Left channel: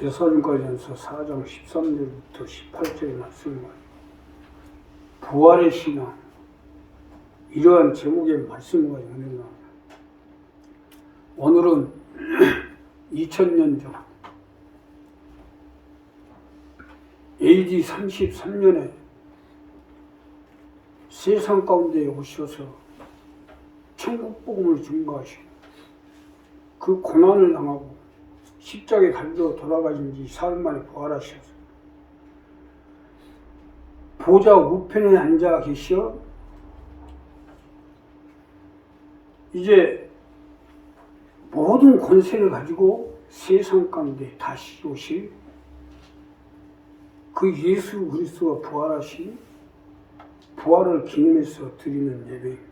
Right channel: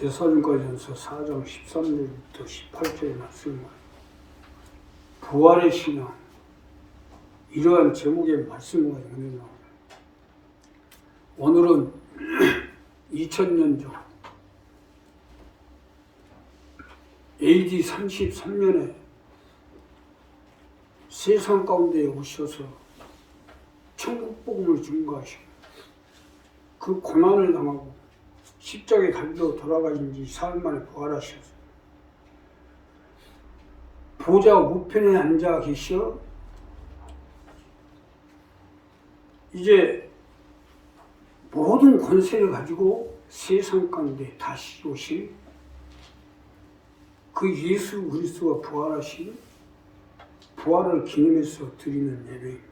데살로니가전서 4장 13절부터 18절의 말씀입니다. 부활의 신앙, 이러한 제목의 말씀과 연결합니다. 오늘은 2000년 전 AD 33년에 세상 가운데 오셔서 천국 복음을 증거하시고 그 고난을 당하고 십자가에 달려 돌아가신 지 사흘 만에 부활하셔서 보좌 우편에 앉아 계시어 이제 모든 권세를 가지고 세상 가운데 다시 오실 그 예수 그리스도가 부활하신 부활을 기념해서 드리는 예배입니다.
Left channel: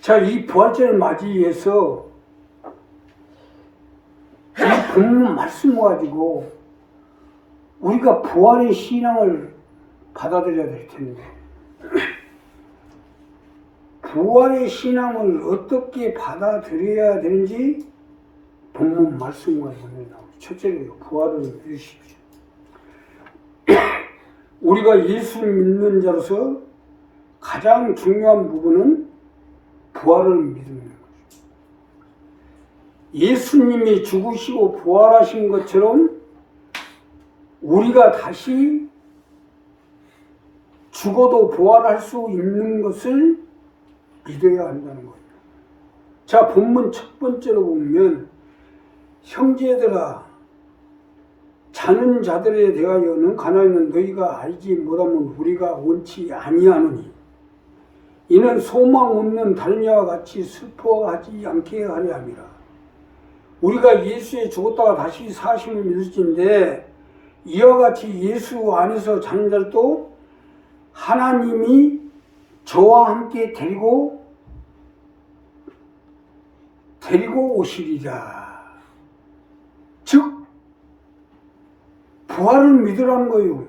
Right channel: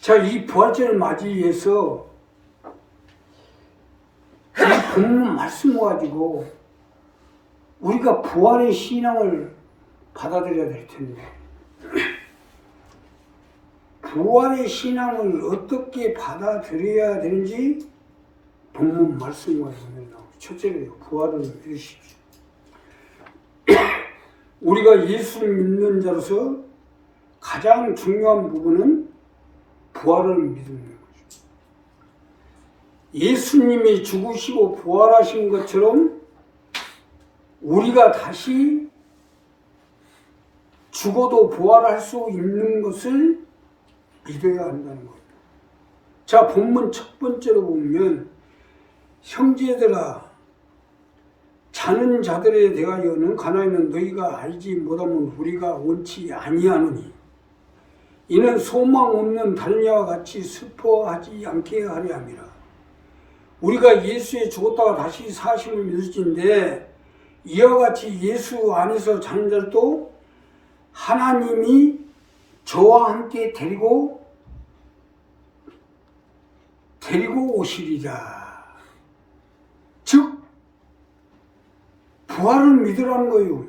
자, 이 부활절을 맞이해서 이 본문 말씀 가지고 우리가 부활의 신앙을 받아들여야 될 텐데, 부활의 신앙을 어떻게 받아들여야 되는지 본문 말씀과 연결합니다. 첫째로 부활을 믿으십시오. 우리가 예수를 믿는 자로서 가장 중요한 부분은 부활을 믿는 거죠. 예수님이 죽으시고 부활하신 것처럼 우리가 다시 죽어도 부활할 수 있는 것을 믿어야 한다는 거예요. 자, 본문 첫 번째로 보면 형제들아, 자는 자들에 대하여는 가나이는 너희가 알지 못하면 우리가 원치 아니하노니 이는 소망 없는 달녀와 같이 슬퍼하지 않게 하려 함이라. 우리가 예수에 죽었다가 다시 사심을 믿을진데 이와 같이 예수 안에서 자는 자들도 하나님이 저와 함께 데리고 오시리라. 즉 부활을 믿으라는 거예요.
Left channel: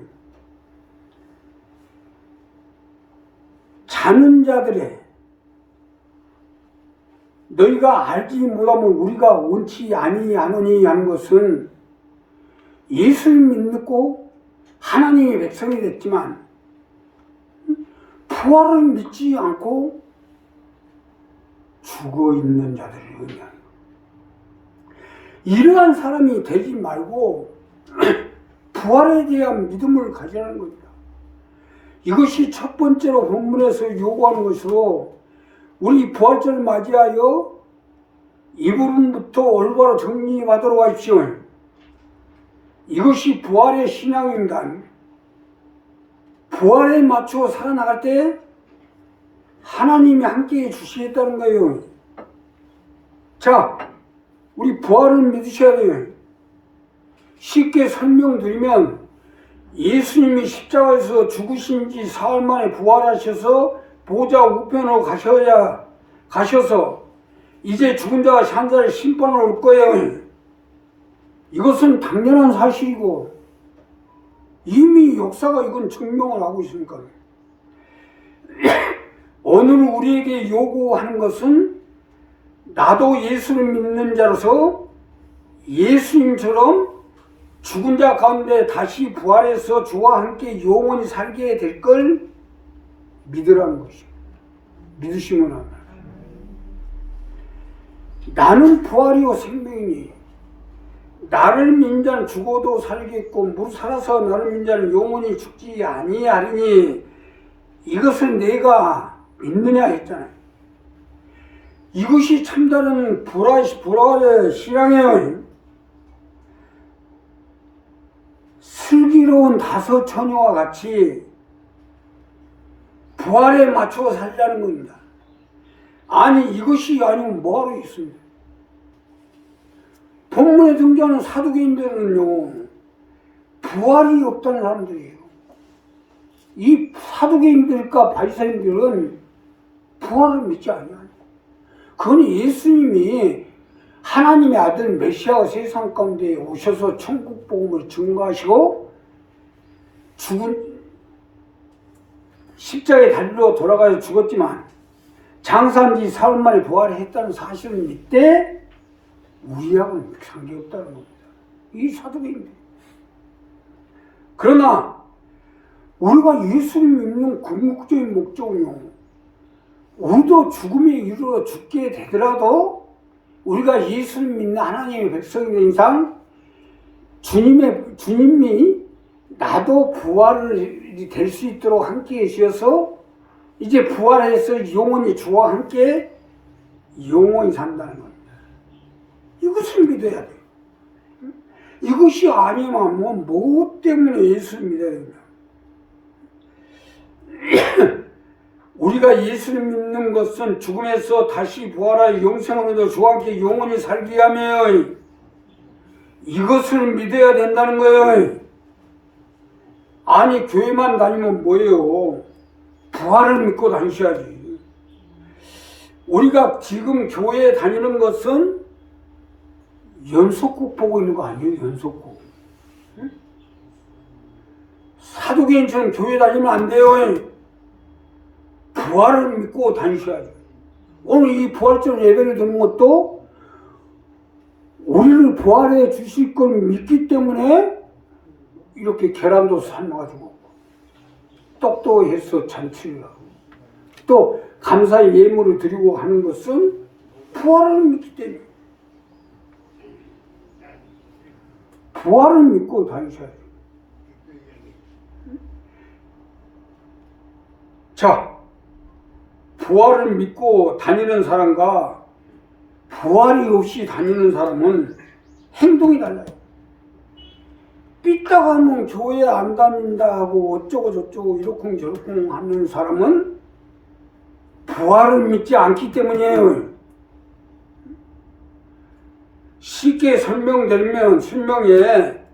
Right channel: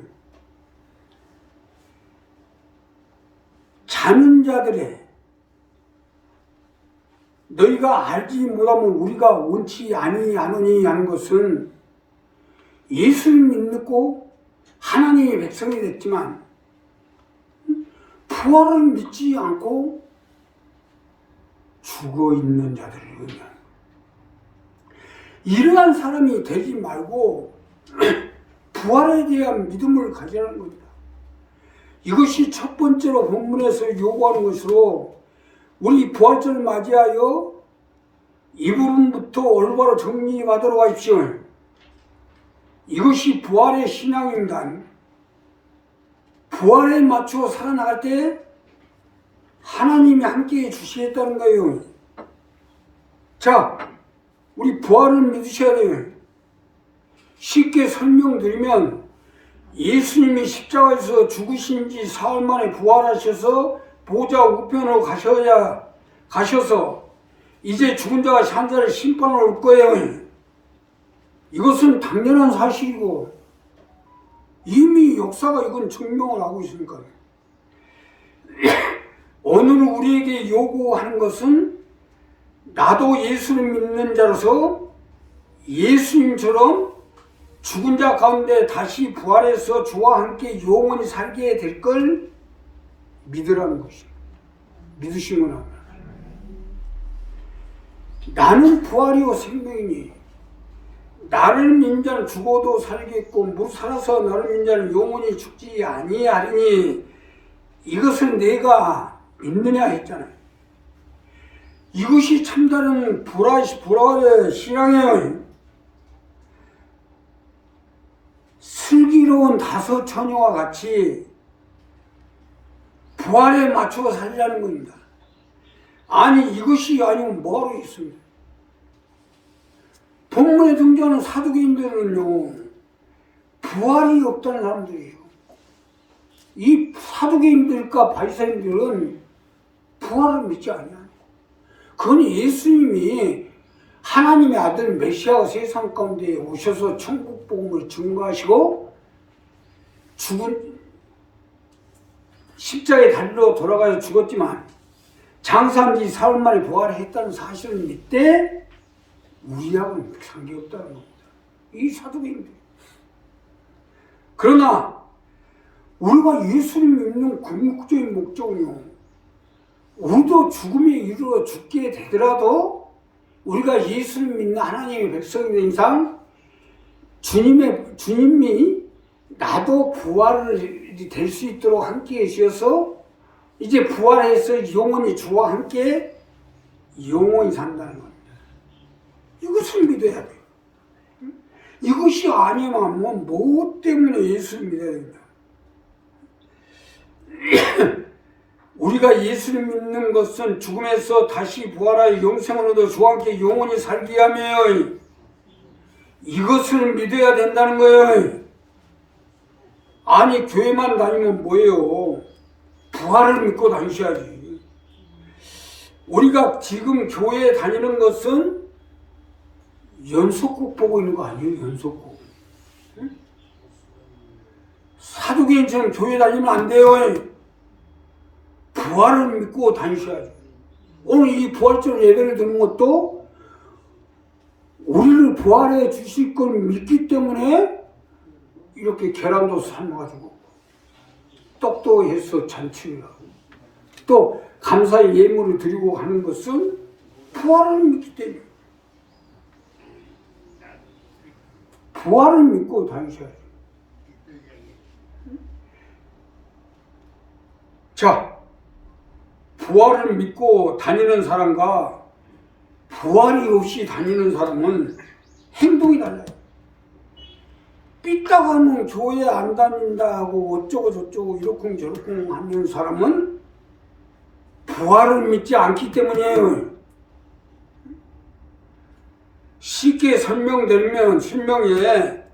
자는 자들의 너희가 알지 못하면 우리가 원치 아니하노니 하는 것은 예수를 믿고 하나님의 백성이 됐지만 부활을 믿지 않고 죽어 있는 자들을 의미하는 이러한 사람이 되지 말고 부활에 대한 믿음을 가지라는 겁니다. 이것이 첫 번째로 본문에서 요구하는 것으로 우리 부활절을 맞이하여 이 부분부터 올바로 정리하도록 하십시오. 이것이 부활의 신앙입니다. 부활에 맞추어 살아나갈 때 하나님이 함께해 주시겠다는 거예요. 자, 우리 부활을 믿으셔야 돼요. 쉽게 설명드리면 예수님이 십자가에서 죽으신 지 사흘 만에 부활하셔서 보좌 우편으로 가셔서 이제 죽은 자가 산 자를 심판을 올 거예요. 이것은 당연한 사실이고 이미 역사가 이건 증명을 하고 있으니까. 오늘 우리에게 요구하는 것은 나도 예수를 믿는 자로서 예수님처럼 죽은 자 가운데 다시 부활해서 주와 함께 영원히 살게 될 걸 믿으라는 것입니다. 믿으시면 합니다. 나는 부활이요 생명이니 나를 믿는 자는 죽어도 살겠고 무릇 살아서 나를 믿는 자는 영원히 죽지 아니하리니 이것을 내가 믿느냐 했잖아요. 이것이 참다른 부활의 신앙이에요. 슬기로운 다섯 처녀와 같이 부활에 맞추어 살자는 겁니다. 아니 이것이 아니면 뭐하러 있습니다. 본문에 등장하는 사두개인들은요 부활이 없다는 사람들이에요. 이 사두개인들과 바리새인들은 부활을 믿지 않아요. 그건 예수님이 하나님의 아들 메시아가 세상 가운데 오셔서 천국 복음을 증거하시고 죽은 십자가에 달려 돌아가서 죽었지만 장사한 지 사흘 만에 부활했다는 사실을 믿되 우리하고는 상관없다는 겁니다. 이 사도계인들. 그러나 우리가 예수님 믿는 궁극적인 목적은요, 우리도 죽음에 이르러 죽게 되더라도 우리가 예수님 믿는 하나님의 백성인 이상 주님이 나도 부활이 될 수 있도록 함께 계셔서 이제 부활해서 영원히 주와 함께 영원히 산다는 겁니다. 이것을 믿어야 돼요. 이것이 아니면 뭐 때문에 예수를 믿어야 됩니다. 우리가 예수를 믿는 것은 죽음에서 다시 부활하여 영생으로도 주와 함께 영원히 살게 하며 이것을 믿어야 된다는 거예요. 아니 교회만 다니면 뭐예요? 부활을 믿고 다니셔야지. 우리가 지금 교회에 다니는 것은 연속곡 보고 있는 거 아니에요? 연속곡. 응? 사도계인처럼 교회 다니면 안 돼요. 부활을 믿고 다니셔야죠. 오늘 이 부활절 예배를 드는 것도 우리를 부활해 주실 걸 믿기 때문에 이렇게 계란도 삶아가지고 떡도 해서 잔치를 하고 또 감사의 예물을 드리고 하는 것은 부활을 믿기 때문에 부활을 믿고 다니셔야죠. 자, 부활을 믿고 다니는 사람과 부활이 없이 다니는 사람은 행동이 달라요. 삐딱하면 교회 안 다닌다 하고 어쩌고 저쩌고 이러쿵 저러쿵 하는 사람은 부활을 믿지 않기 때문이에요. 쉽게 설명드리면 설명에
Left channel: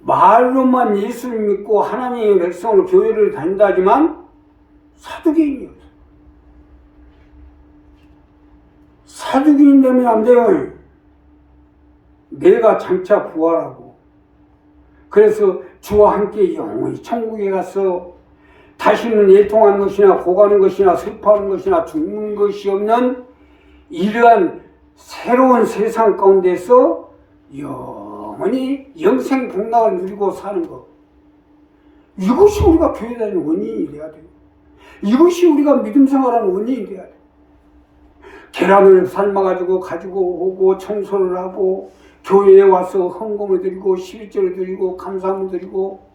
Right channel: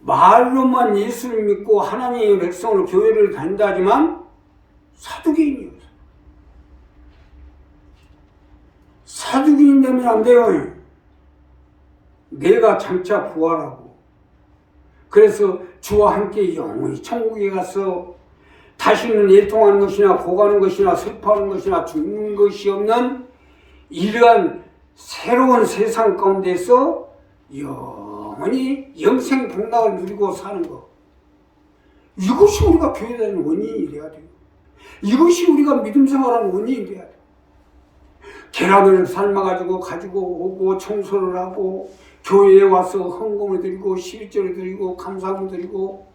말로만 예수를 믿고 하나님의 백성으로 교회를 다닌다지만 사두개인이에요. 사두개인 되면 안 돼요. 내가 장차 부활하고 그래서 주와 함께 영원히 천국에 가서 다시는 애통하는 것이나 고가는 것이나 슬퍼하는 것이나 죽는 것이 없는 이러한 새로운 세상 가운데서 영원히 영생 복락을 누리고 사는 것. 이것이 우리가 교회 다니는 원인이 돼야 돼요. 이것이 우리가 믿음 생활하는 원인이 돼야 돼요. 계란을 삶아가지고 가지고 오고 청소를 하고 교회에 와서 헌금을 드리고 11조를 드리고 감사함을 드리고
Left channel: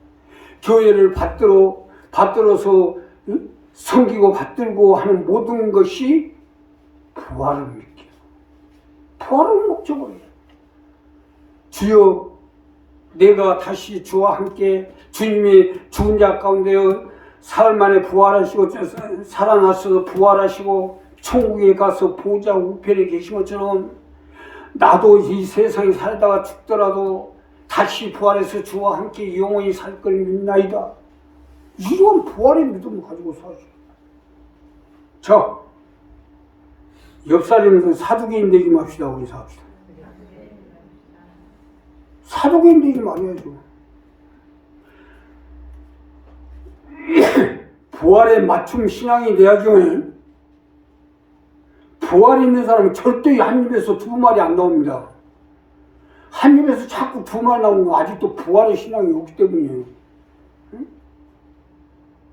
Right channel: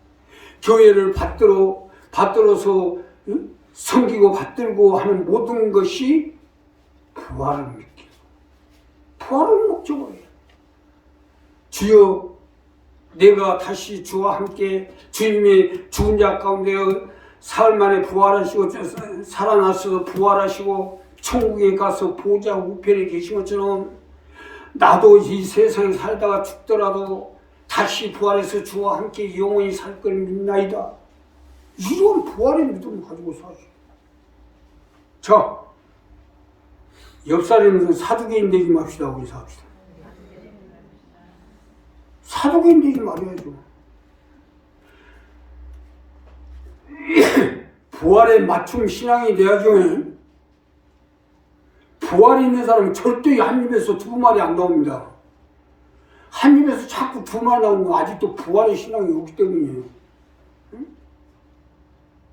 교회를 받들어서 섬기고 받들고 하는 모든 것이 부활을 믿기. 부활을 목적으로 해요. 주여 내가 다시 주와 함께 주님이 죽은 자 가운데 사흘 만에 부활하시고 살아나서 부활하시고 천국에 가서 보좌 우편에 계신 것처럼 나도 이 세상에 살다가 죽더라도 다시 부활해서 주와 함께 영원히 살 걸 믿나이다. 이런 부활의 믿음을 가지고 사시오. 자, 옆사람은 사두개인 되지 맙시다. 우리 사합시다. 사두개인 되지 말아야죠. 부활에 맞춤 신앙이 돼야죠. 부활이 있는 사람은 절대 한 입에서 두 말이 안 나옵니다. 한 입에서 자꾸 두 말 나오는 건 아직도 부활의 신앙이 없기 때문이에요. 응?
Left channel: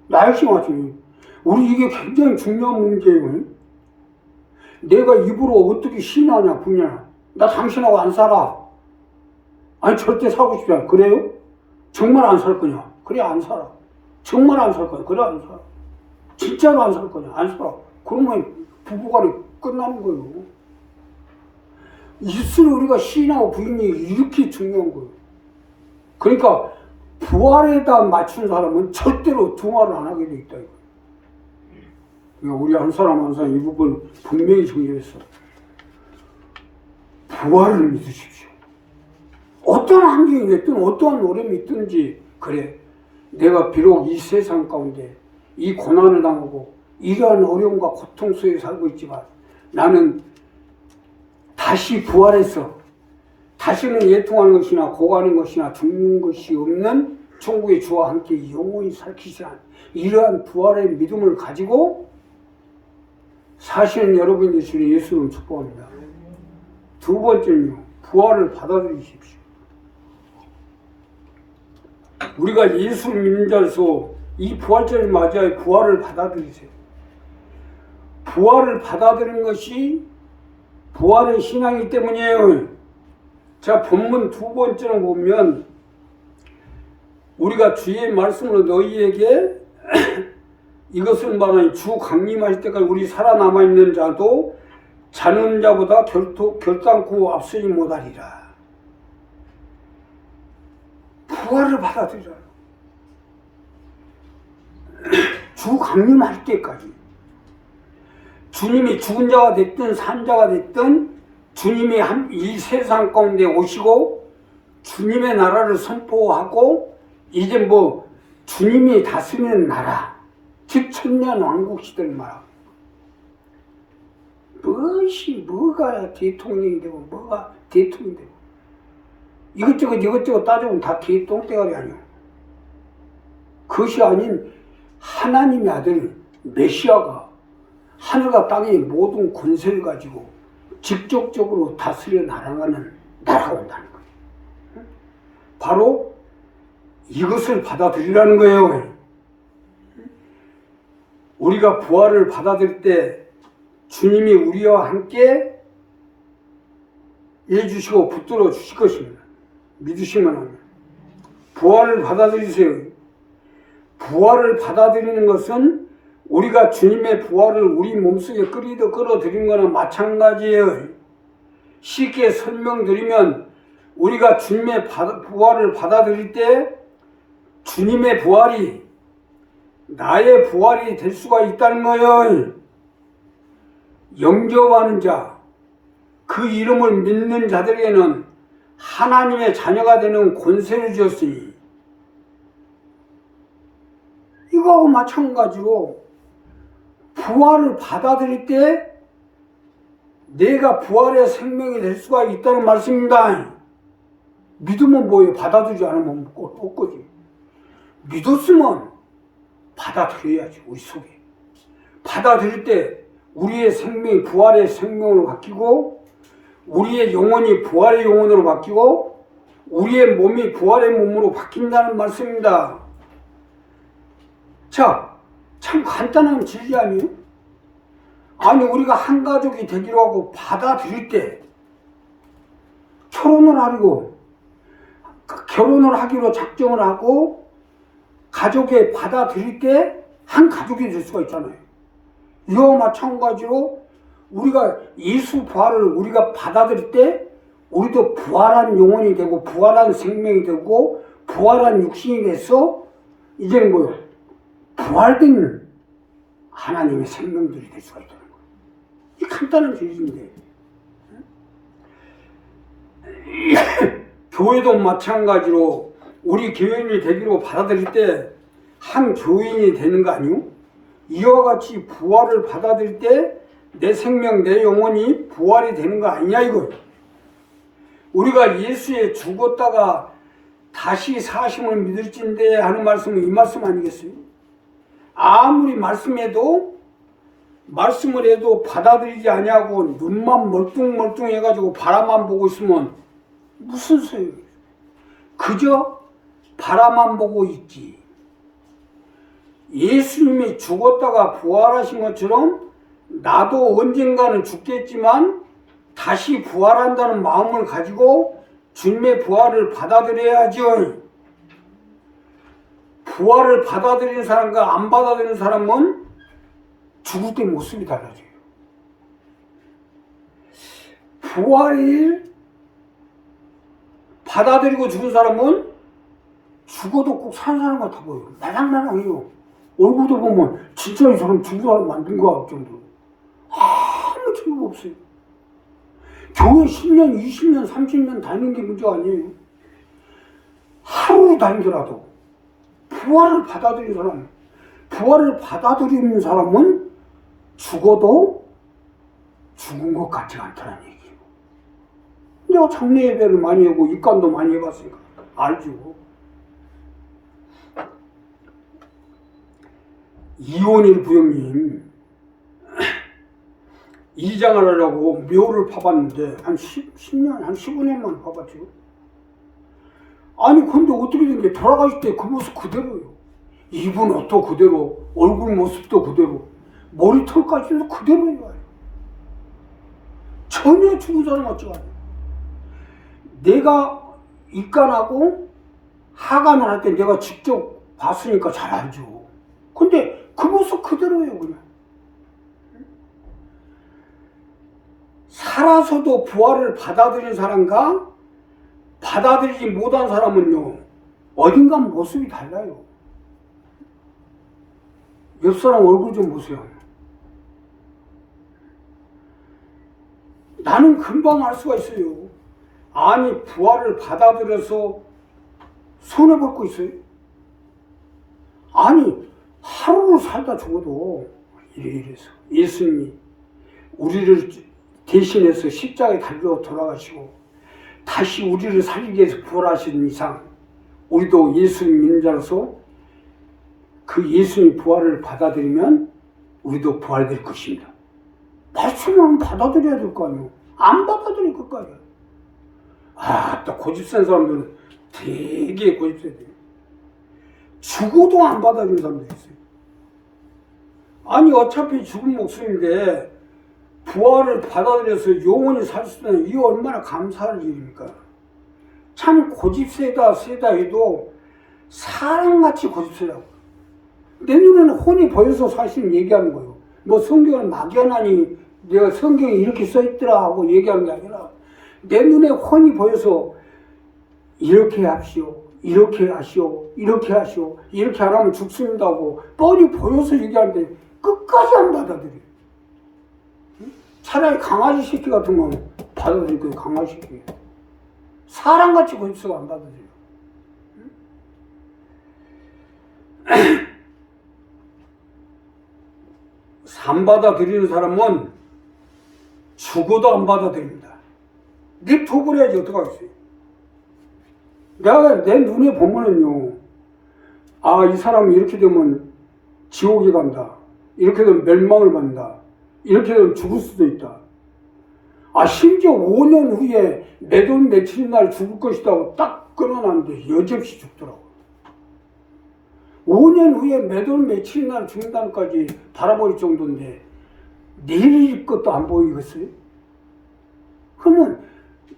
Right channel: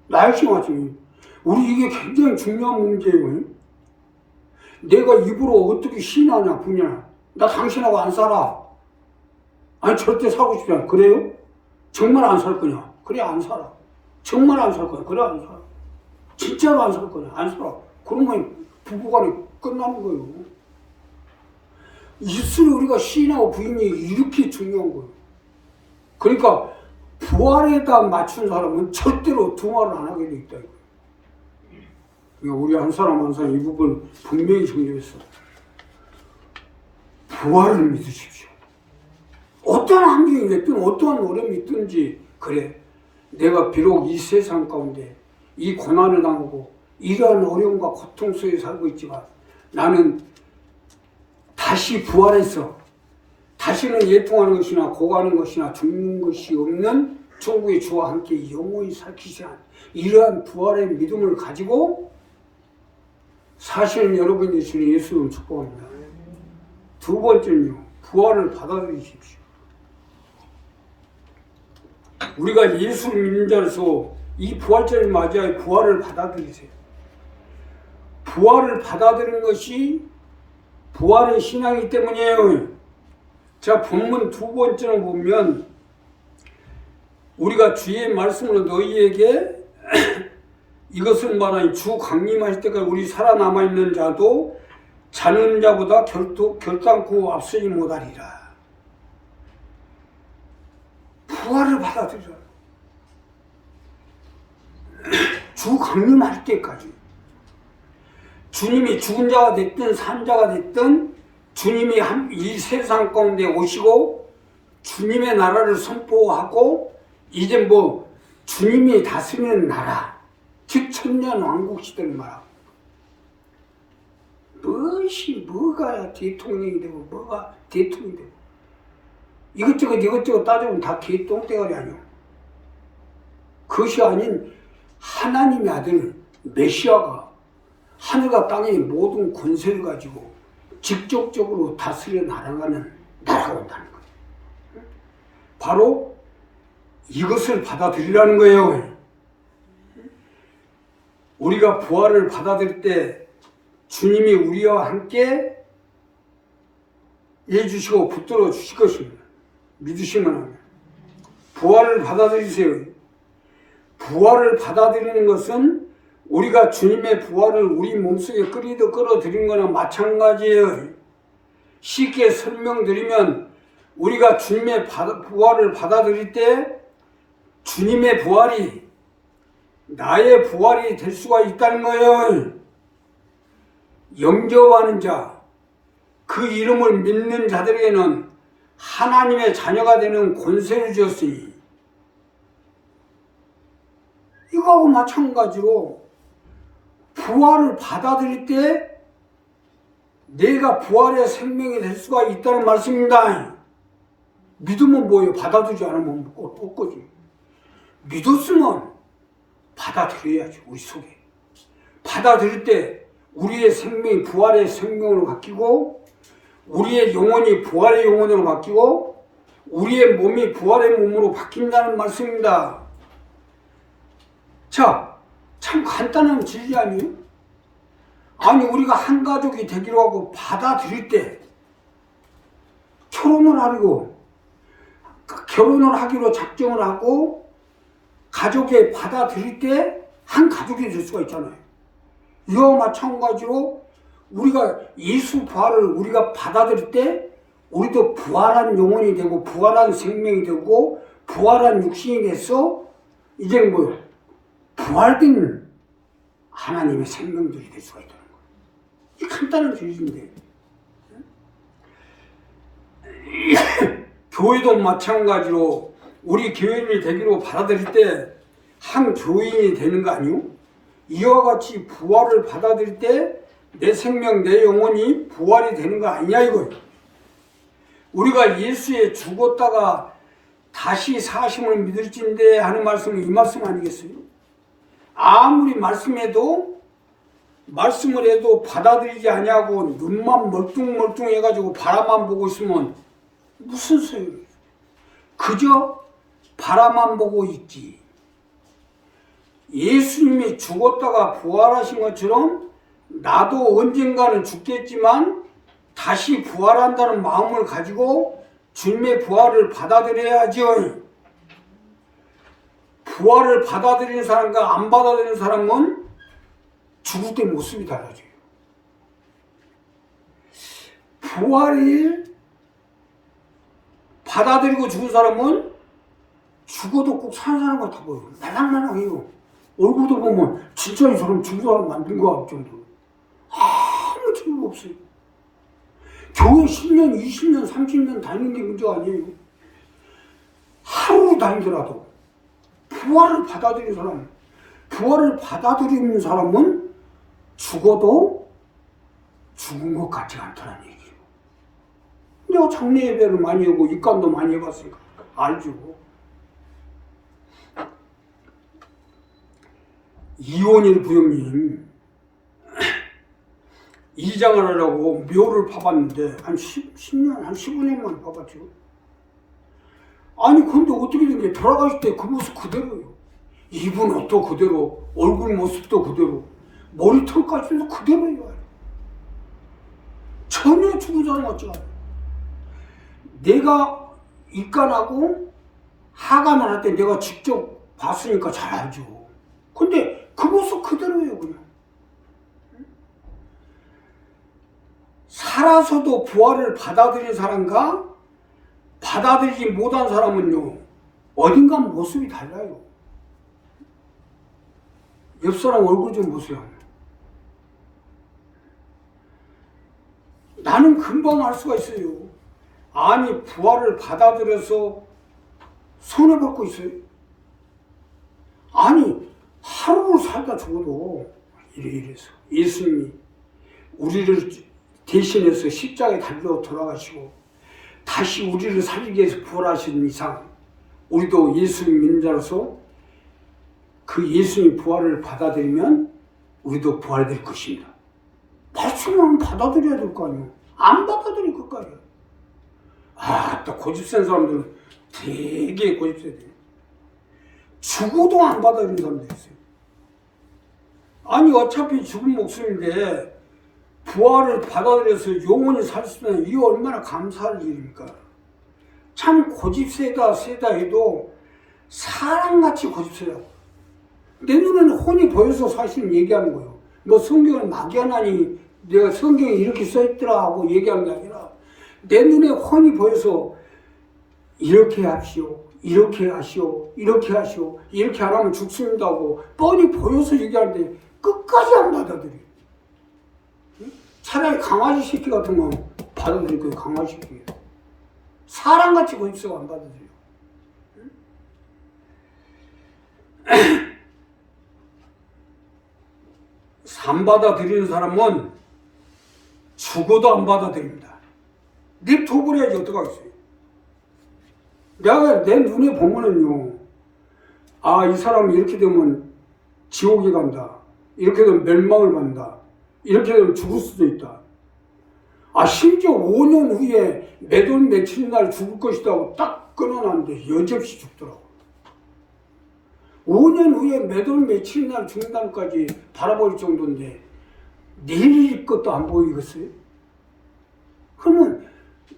나 역시 마찬가지. 우리 이게 굉장히 중요한 문제예요. 내가 입으로 어떻게 신하냐 부냐. 나 당신하고 안 살아. 아니 절대 살고 싶지 않아. 그래요? 정말 안 살 거냐? 그래 안 살아. 정말 안 살 거냐? 그래 안 살아. 진짜로 안 살 거냐? 안 살아. 그러면 부부간에 끝나는 거예요. 입술을 우리가 시인하고 부인이 이렇게 중요한 거예요. 그러니까 부활에다 맞춘 사람은 절대로 두 말을 안 하게 돼 있다 이거예요. 우리 한 사람 한 사람 이 부분 분명히 정리했어. 부활을 믿으십시오. 어떤 환경이 됐든 어떠한 어려움이 있든지 그래 내가 비록 이 세상 가운데 이 고난을 당하고 이러한 어려움과 고통 속에 살고 있지만 나는 다시 부활해서 다시는 예통하는 것이나 고가는 것이나 죽는 것이 없는 천국의 주와 함께 영원히 살기시한 이러한 부활의 믿음을 가지고 사실은 여러분이 주시는 예수를 축복합니다. 두 번째는요, 부활을 받아들이십시오. 우리가 예수를 믿는 자로서 이 부활절을 맞이하여 부활을 받아들이세요. 부활을 받아들이는 것이 부활의 신앙이기 때문이에요. 자, 본문 두 번째로 보면 우리가 주의 말씀으로 너희에게 이것을 말하니 주 강림하실 때까지 우리 살아남아 있는 자도 자는 자보다 결단코 앞서지 못하리라. 부활을 받아들여라. 주 강림할 때까지 주님이 죽은 자가 됐든 산 자가 됐든 주님이 이 세상 가운데 오시고 주님의 나라를 선포하고 이제 뭐 주님이 다스리는 나라, 즉 천년 왕국 시대를 말하고 뭐가 대통령이 되고 뭐가 대통령이 되고 이것저것 따져보면 다 개똥대가리 아니야. 그것이 아닌 하나님의 아들 메시아가 하늘과 땅의 모든 권세를 가지고 직접적으로 다스려 나아가는 나라가 온다는 거예요. 바로 이것을 받아들이라는 거예요. 우리가 부활을 받아들일 때 주님이 우리와 함께 해주시고 붙들어 주실 것입니다. 믿으시면 합니다. 부활을 받아들이세요. 부활을 받아들이는 것은 우리가 주님의 부활을 우리 몸속에 끌어들인 거나 마찬가지예요. 쉽게 설명드리면 우리가 주님의 부활을 받아들일 때 주님의 부활이 나의 부활이 될 수가 있다는 거예요. 영접하는 자, 그 이름을 믿는 자들에게는 하나님의 자녀가 되는 권세를 주었으니 이거하고 마찬가지로 부활을 받아들일 때 내가 부활의 생명이 될 수가 있다는 말씀입니다. 믿으면 뭐예요? 받아들이지 않으면 없거지. 믿었으면 받아들여야지. 우리 속에 받아들일 때 우리의 생명이 부활의 생명으로 바뀌고 우리의 영혼이 부활의 영혼으로 바뀌고 우리의 몸이 부활의 몸으로 바뀐다는 말씀입니다. 자, 참 간단한 진리 아니에요? 아니 우리가 한 가족이 되기로 하고 받아들일 때 결혼을 하기로 작정을 하고 가족에 받아들일 때 한 가족이 될 수가 있잖아요. 이와 마찬가지로 우리가 예수 부활을 우리가 받아들일 때 우리도 부활한 영혼이 되고 부활한 생명이 되고 부활한 육신이 돼서 이제 뭐요? 부활된 하나님의 생명들이 될 수가 있다는 거예요. 이 간단한 진리인데 교회도 마찬가지로 우리 교인이 되기로 받아들일 때 한 교인이 되는 거 아니요? 이와 같이 부활을 받아들일 때 내 생명, 내 영혼이 부활이 되는 거 아니냐 이거예요. 우리가 예수에 죽었다가 다시 사심을 믿을진대 하는 말씀은 이 말씀 아니겠어요? 아무리 말씀을 해도 받아들이지 아니하고 눈만 멀뚱멀뚱해가지고 바라만 보고 있으면 무슨 소용이에요? 그저 바라만 보고 있지. 예수님이 죽었다가 부활하신 것처럼 나도 언젠가는 죽겠지만 다시 부활한다는 마음을 가지고 주님의 부활을 받아들여야죠. 부활을 받아들이는 사람과 안 받아들이는 사람은 죽을 때 모습이 달라져요. 부활을 받아들이고 죽은 사람은 죽어도 꼭 사는 사람 같아 보여요. 말랑말랑해요. 얼굴도 보면 진짜 이 사람 죽은 사람 만든 거 같을 정도로 아무 소용 없어요. 교회 10년, 20년, 30년 다니는 게 문제가 아니에요. 하루 다니더라도 부활을 받아들이는 사람, 부활을 받아들이는 사람은 죽어도 죽은 것 같지 않다는 얘기죠. 내가 장례 예배를 많이 하고 입간도 많이 해봤으니까 알죠. 이원일 부형님 이장을 하려고 묘를 파봤는데 한 10년, 한 15년만 파봤죠. 아니 근데 어떻게 된 게 돌아가실 때 그 모습 그대로예요. 입은 옷도 그대로, 얼굴 모습도 그대로, 머리털까지도 그대로예요. 전혀 죽은 사람 같지가 않아요. 내가 입간하고 하간을 할 때 내가 직접 봤으니까 잘 알죠. 근데 그 모습 그대로예요, 그냥. 살아서도 부활을 받아들인 사람과 받아들이지 못한 사람은요, 어딘가 모습이 달라요. 옆 사람 얼굴 좀 보세요. 나는 금방 알 수가 있어요. 아니, 부활을 받아들여서 손해볼 거 있어요? 아니, 하루를 살다 죽어도 이래서 예수님이 우리를 대신해서 십자가에 달려 돌아가시고 다시 우리를 살리기 위해서 부활하신 이상 우리도 예수님 믿는 자로서 그 예수님 부활을 받아들이면 우리도 부활될 것입니다. 말씀은 받아들여야 될 거 아니에요. 안 받아들일 것 아니에요. 또 고집센 사람들은 되게 고집세요. 죽어도 안 받아들이는 사람들이 있어요. 아니 어차피 죽은 목숨인데 부활을 받아들여서 영원히 살 수 있는 이 얼마나 감사할 일입니까? 참 고집세다 해도 사람같이 고집세라고. 내 눈에는 혼이 보여서 사실 얘기하는 거예요. 뭐 성경은 막연하니 내가 성경에 이렇게 써있더라 하고 얘기하는 게 아니라 내 눈에 혼이 보여서 이렇게 합시오, 이렇게 하시오, 이렇게 하시오, 이렇게 안 하면 죽습니다 하고 뻔히 보여서 얘기하는데 끝까지 안 받아들여요. 차라리 강아지 새끼 같으면 받아들일 거예요. 강아지 새끼. 사람같이 고집세가 안 받아들여요. 안 받아들이는 사람은 죽어도 안 받아들입니다. 냅둬버려야지 어떡하겠어요. 내가 내 눈에 보면은요, 이 사람이 이렇게 되면 지옥에 간다. 이렇게 되면 멸망을 받는다. 이렇게 되면 죽을 수도 있다. 심지어 5년 후에 몇 월 며칠 날 죽을 것이다 하고 딱 끊어놨는데 여지없이 죽더라고. 5년 후에 몇 월 며칠 날 죽는다는까지 바라볼 정도인데 내일 것도 안 보이겠어요? 그러면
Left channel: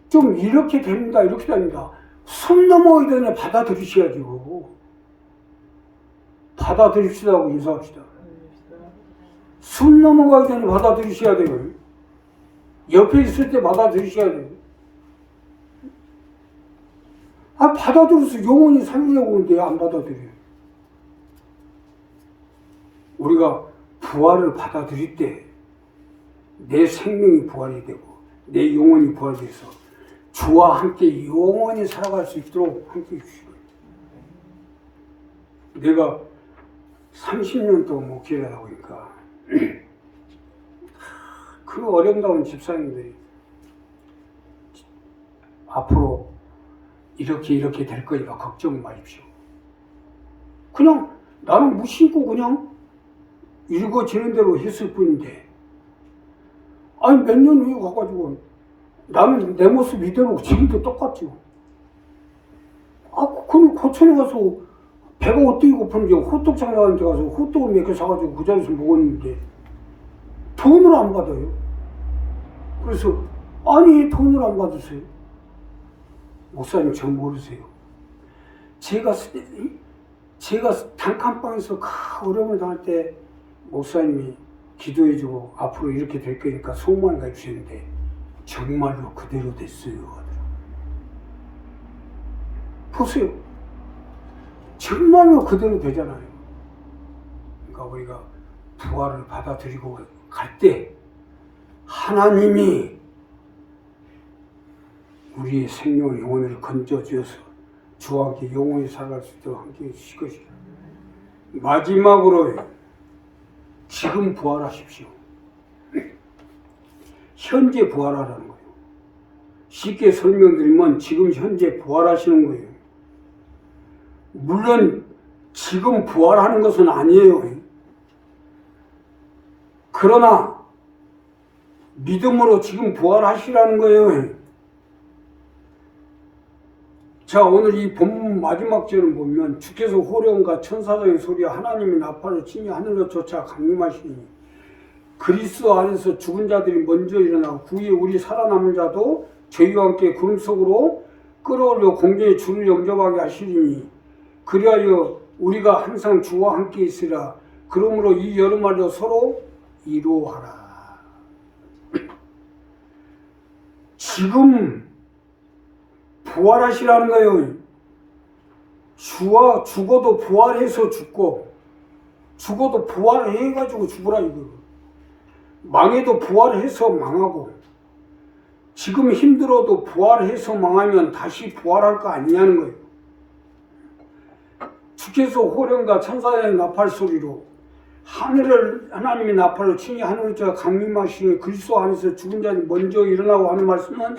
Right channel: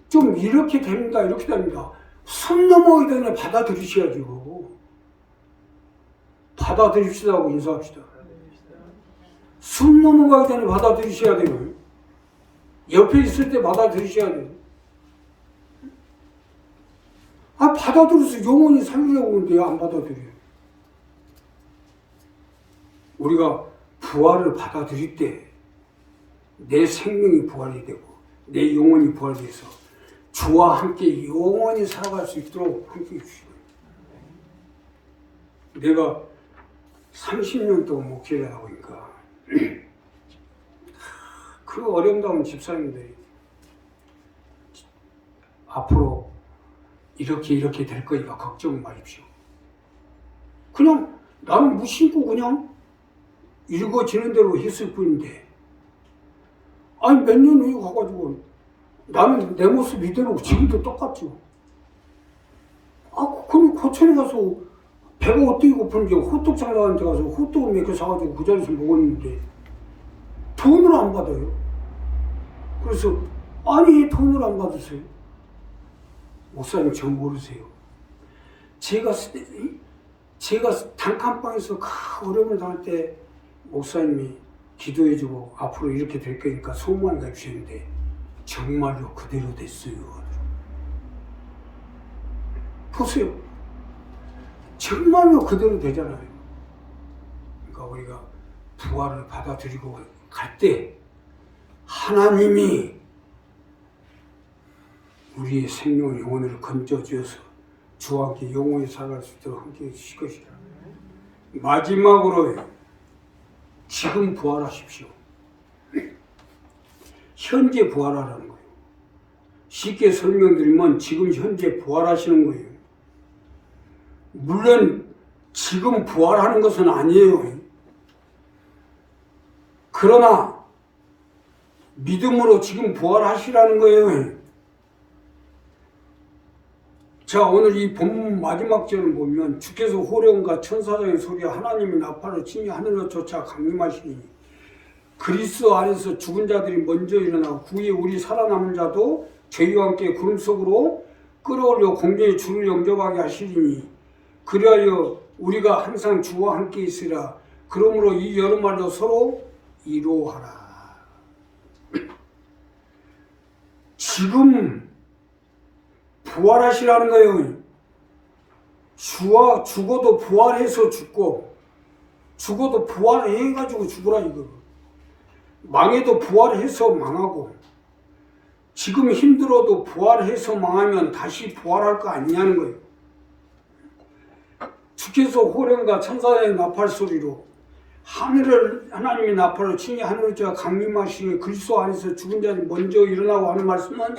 좀 이렇게 됩니다. 이렇게 됩니다. 숨 넘어가기 전에 받아들이셔야죠. 받아들입시다 하고 인사합시다. 숨 넘어가기 전에 받아들이셔야 돼요. 옆에 있을 때 받아들이셔야 돼요. 받아들여서 영원히 살리려고 하는데 안 받아들여요. 우리가 부활을 받아들일 때 내 생명이 부활이 되고 내 영혼이 부활돼서 주와 함께 영원히 살아갈 수 있도록 함께 해주시고, 내가 30년 동안 목회를 하고 있으니까 그 어려운 집사님들이 앞으로 이렇게 될 거니까 걱정 마십시오. 그냥 나는 무심코 그냥 읽어지는 대로 했을 뿐인데, 몇 년 후에 가가지고 나는 내 모습 이대로 지금도 똑같죠. 그럼 고천에 가서 배가 어떻게 고픈지 호떡 장사한테 가서 호떡을 몇 개 사가지고 그 자리에서 먹었는데 돈을 안 받아요. 그래서 돈을 안 받으세요? 목사님 저 모르세요. 제가 단칸방에서 그 어려움을 당할 때 목사님이 기도해주고 앞으로 이렇게 될 거니까 소망을 가주셨는데 정말로 그대로 됐어요. 보세요. 정말로 그대로 되잖아요. 그러니까 우리가 부활을 받아들이고 갈 때 하나님이 우리의 생명을 영혼을 건져주어서 주와 함께 영원히 살아갈 수 있도록 함께 해주실 것이다. 마지막으로 지금 부활하십시오. 현재 부활하라는 거예요. 쉽게 설명드리면 지금 현재 부활하시는 거예요. 물론 지금 부활하는 것은 아니에요. 그러나 믿음으로 지금 부활하시라는 거예요. 자, 오늘 이 본문 마지막 절을 보면 주께서 호령과 천사장의 소리와 하나님의 나팔을 치니 하늘로 쫓아 강림하시니 그리스도 안에서 죽은 자들이 먼저 일어나고 그 위에 우리 살아남은 자도 저희와 함께 구름 속으로 끌어올려 공중에 주를 영접하게 하시리니 그리하여 우리가 항상 주와 함께 있으라. 그러므로 이 여름마다 서로 이로하라. 지금 부활하시라는 거예요. 죽어도 부활해서 죽고 죽어도 부활해가지고 죽으라 이거. 망해도 부활해서 망하고 지금 힘들어도 부활해서 망하면 다시 부활할 거 아니냐는 거예요. 주께서 호령과 천사의 나팔 소리로 하나님의 나팔을 치니 하늘을 저 강림하시니 그리스도 안에서 죽은 자들이 먼저 일어나고 하는 말씀은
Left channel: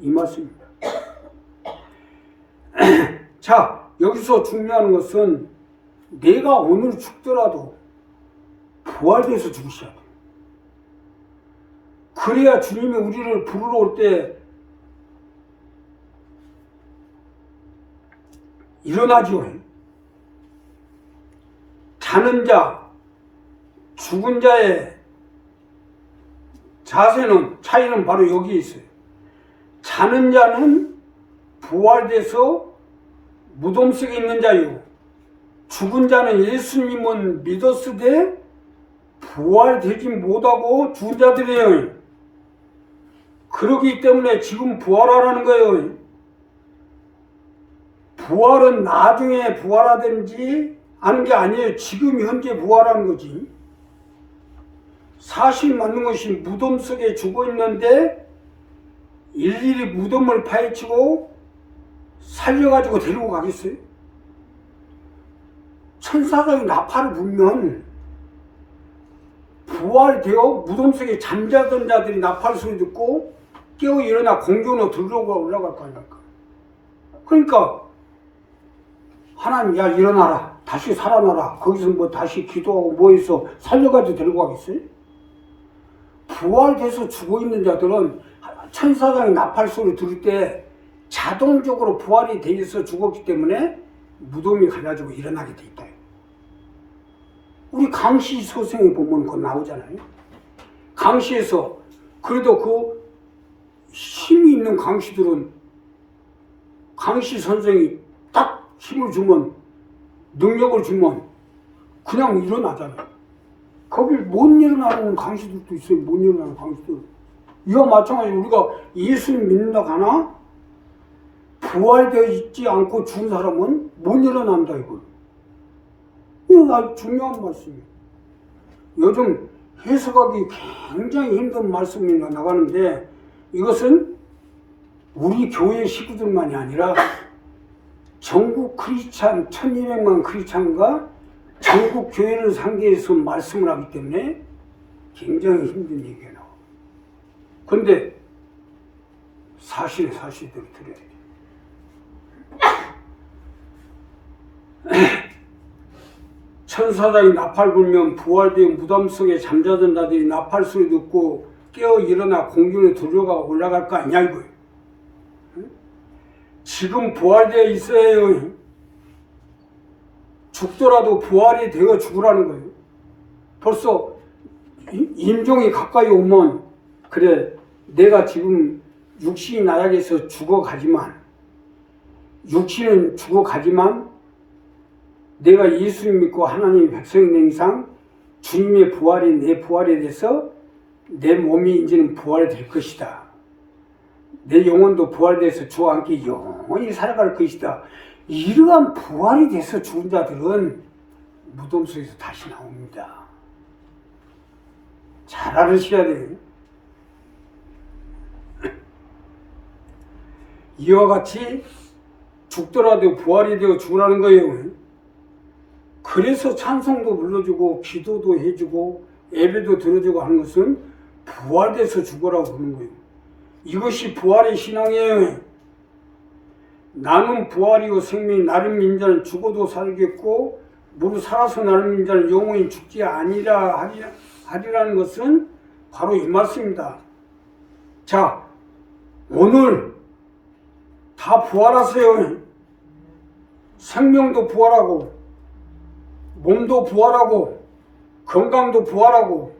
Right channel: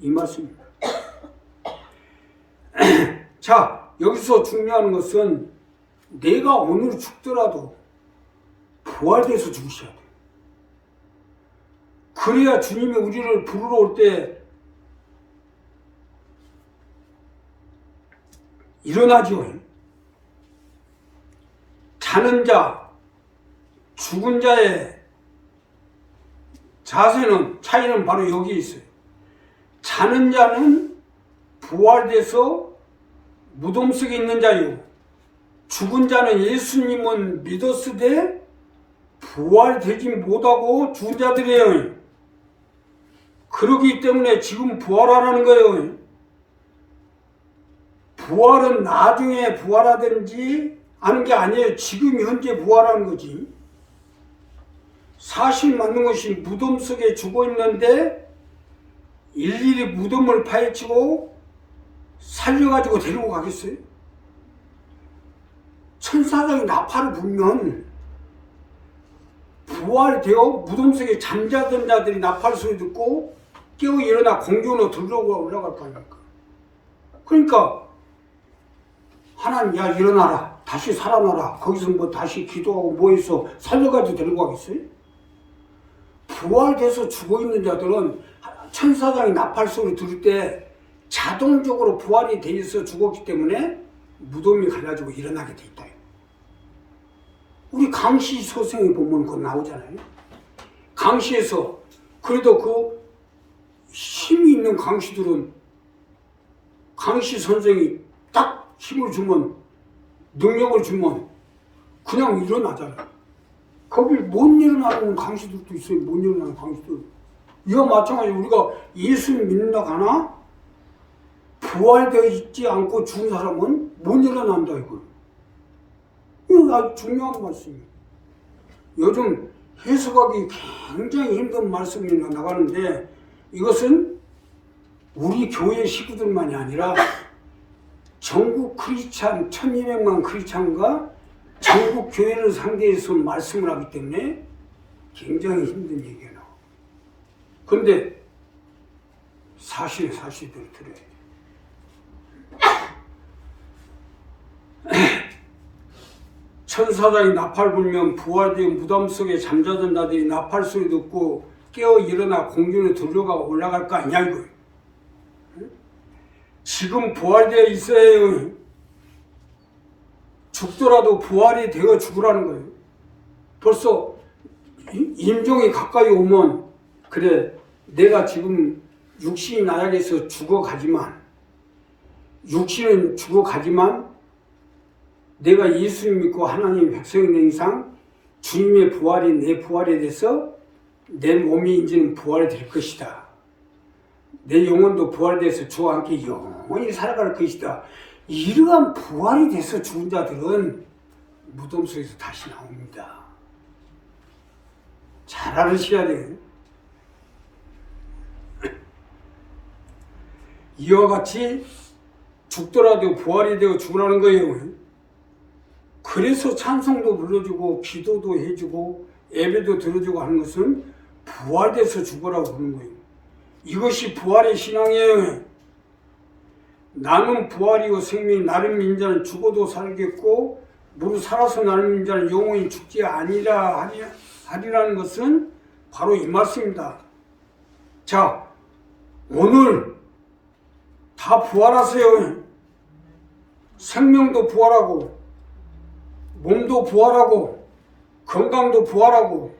이 말씀입니다. 자, 여기서 중요한 것은 내가 오늘 죽더라도 부활돼서 죽으셔야 돼요. 그래야 주님이 우리를 부르러 올 때 일어나지요. 자는 자, 죽은 자의 차이는 바로 여기 있어요. 자는 자는 부활돼서 무덤 속에 있는 자요. 죽은 자는 예수님은 믿었으되 부활되지 못하고 죽은 자들이에요. 그러기 때문에 지금 부활하라는 거예요. 부활은 나중에 부활하든지 하는 게 아니에요. 지금 현재 부활하는 거지. 사실 맞는 것이 무덤 속에 죽어 있는데 일일이 무덤을 파헤치고 살려가지고 데리고 가겠어요? 천사장이 나팔을 불면 부활되어 무덤 속에 잠자던 자들이 나팔 소리 듣고 깨어 일어나 공중으로 들어가 올라갈 거 아닙니까? 그러니까 하나님, 야 일어나라, 다시 살아나라. 거기서 뭐 다시 기도하고 뭐 해서 살려가지고 데리고 가겠어요? 부활돼서 죽어있는 자들은 천사장이 나팔 소리 들을 때 자동적으로 부활이 돼 있어 죽었기 때문에 무덤이 가가지고 일어나게 돼 있다. 우리 강시 소생에 보면 그거 나오잖아요. 강시에서 그래도 그 힘이 있는 강시들은 강시 선생이 딱 힘을 주면, 능력을 주면 그냥 일어나잖아요. 거기 못 일어나는 강시들도 있어요. 못 일어나는 강시들. 이와 마찬가지로 우리가 예수님 믿는다 가나 부활되어 있지 않고 죽은 사람은 못 일어난다 이거. 이거 아주 중요한 말씀이에요. 요즘 해석하기 굉장히 힘든 말씀이 나가는데 이것은 우리 교회 식구들만이 아니라 전국 크리스찬 1200만 크리스찬과 전국 교회를 상대해서 말씀을 하기 때문에 굉장히 힘든 얘기가 나와요. 그런데 사실대로 들어야 돼요. 천사장이 나팔 불면 부활된 무덤 속에 잠자던 자들이 나팔 소리 듣고 깨어 일어나 공중에 들어가고 올라갈 거 아니냐 이거예요. 지금 부활되어 있어야 해요. 죽더라도 부활이 되어 죽으라는 거예요. 벌써 임종이 가까이 오면 그래 내가 지금 육신이 나약해서 죽어가지만 육신은 죽어가지만 내가 예수님 믿고 하나님 백성이 된 이상 주님의 부활이 내 부활에 대해서 내 몸이 이제는 부활이 될 것이다. 내 영혼도 부활돼서 주와 함께 영원히 살아갈 것이다. 이러한 부활이 돼서 죽은 자들은 무덤 속에서 다시 나옵니다. 잘 알으셔야 돼요. 이와 같이 죽더라도 부활이 되어 죽으라는 거예요. 그래서 찬송도 불러주고 기도도 해주고 예배도 들어주고 하는 것은 부활돼서 죽으라고 하는 거예요. 이것이 부활의 신앙이에요. 나는 부활이요 생명이 나를 믿는 자는 죽어도 살겠고 무릇 살아서 나를 믿는 자는 영원히 죽지 아니라 하리라는 것은 바로 이 말씀입니다. 자, 오늘 다 부활하세요. 생명도 부활하고 몸도 부활하고 건강도 부활하고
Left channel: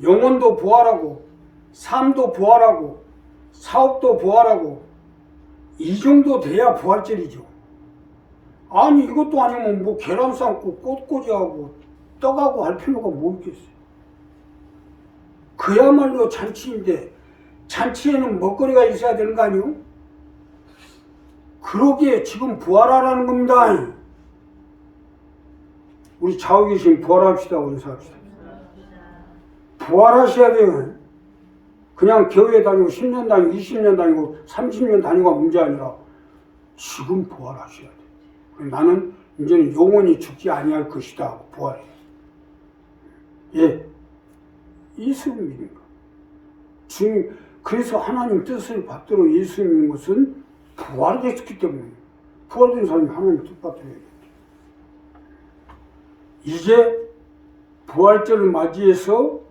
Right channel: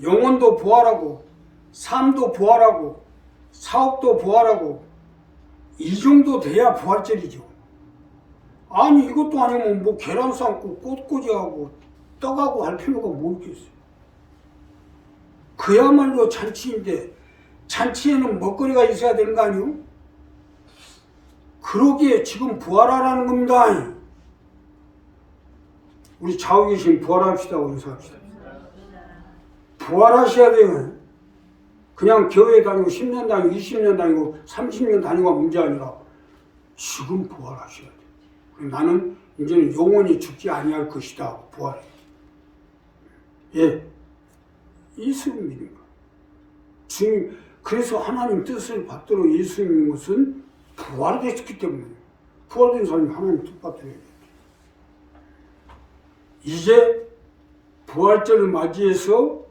영혼도 부활하고 삶도 부활하고 사업도 부활하고 이 정도 돼야 부활절이죠. 아니 이것도 아니면 뭐 계란 삶고 꽃꽂이하고 떡하고 할 필요가 뭐 있겠어요. 그야말로 잔치인데 잔치에는 먹거리가 있어야 되는 거 아니요? 그러기에 지금 부활하라는 겁니다. 우리 좌우 계신 부활합시다. 인사합시다. 부활하셔야 돼요. 그냥 교회 다니고 10년 다니고 20년 다니고 30년 다니고가 문제 아니라 지금 부활하셔야 돼요. 나는 이제는 영원히 죽지 아니할 것이다. 부활해. 예, 예수를 믿는 거. 주님, 그래서 하나님 뜻을 받들어 예수 믿는 것은 부활됐기 때문에 부활된 사람이 하나님 뜻 받들어야 돼요. 이제 부활절을 맞이해서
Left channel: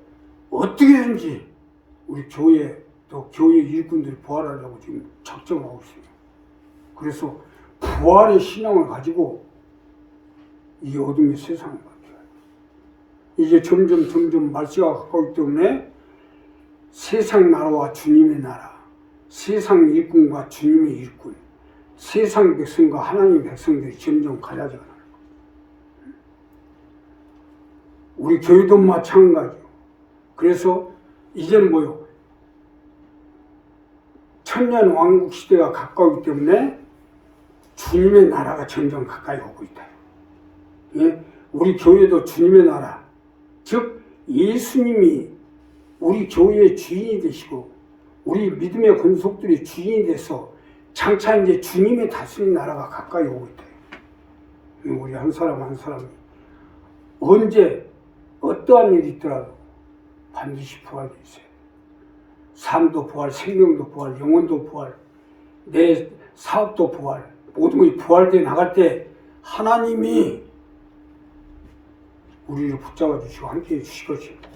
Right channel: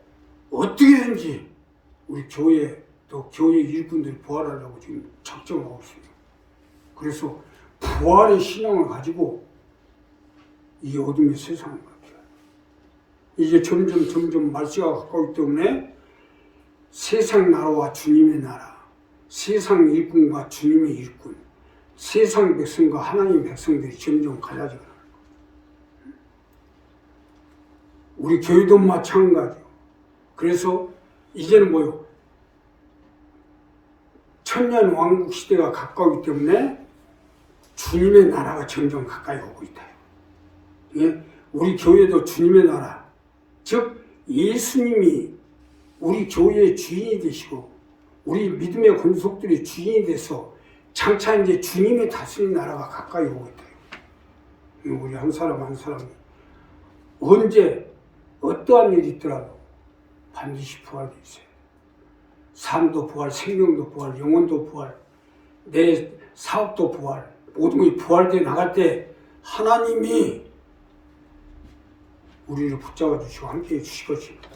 어떻게든지 우리 교회 또 교회 일꾼들이 부활하려고 지금 작정하고 있습니다. 그래서 부활의 신앙을 가지고 이 어둠의 세상을 바뀌어요. 이제 점점 말세가 가까우기 때문에 세상 나라와 주님의 나라, 세상 일꾼과 주님의 일꾼, 세상 백성과 하나님 백성들이 점점 갈라지고 나요. 우리 교회도 마찬가지예요. 그래서 이제는 뭐요? 천년 왕국 시대가 가까우기 때문에 주님의 나라가 점점 가까이 오고 있다. 예? 우리 교회도 주님의 나라, 즉 예수님이 우리 교회의 주인이 되시고 우리 믿음의 권속들이 주인이 돼서 장차 이제 주님이 다스리는 나라가 가까이 오고 있다. 우리 한 사람 한 사람이 언제 어떠한 일이 있더라도 반드시 부활되어 있어요. 삶도 부활, 생명도 부활, 영혼도 부활, 내 사업도 부활, 모든 것이 부활되어 나갈 때 하나님이 우리를 붙잡아 주시고 함께해 주실 것입니다.